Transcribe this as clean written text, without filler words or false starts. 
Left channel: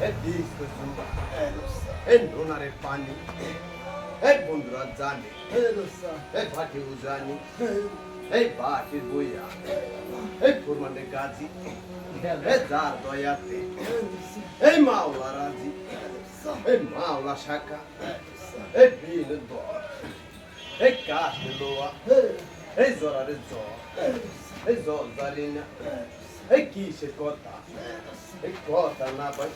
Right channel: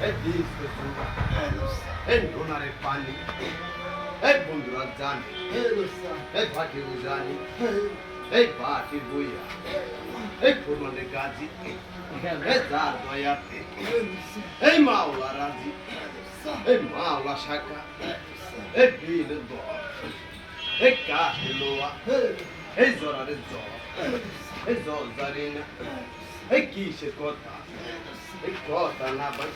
এই দিস্তে সুন্দর এই নোনারে পানি এই বন্ধুরা জানে এই ভাটিও জানি এই বাটি বইয়া এই ফুরমানের গাজী এই যার দয়াতে এই মাওলা রাজি এই মাওলা শাখা এই বিল দর এই কাঠে লোয়া এই জরারে জ্বর এই জল জানি না এই কিসের কথা এই কথা না ভাই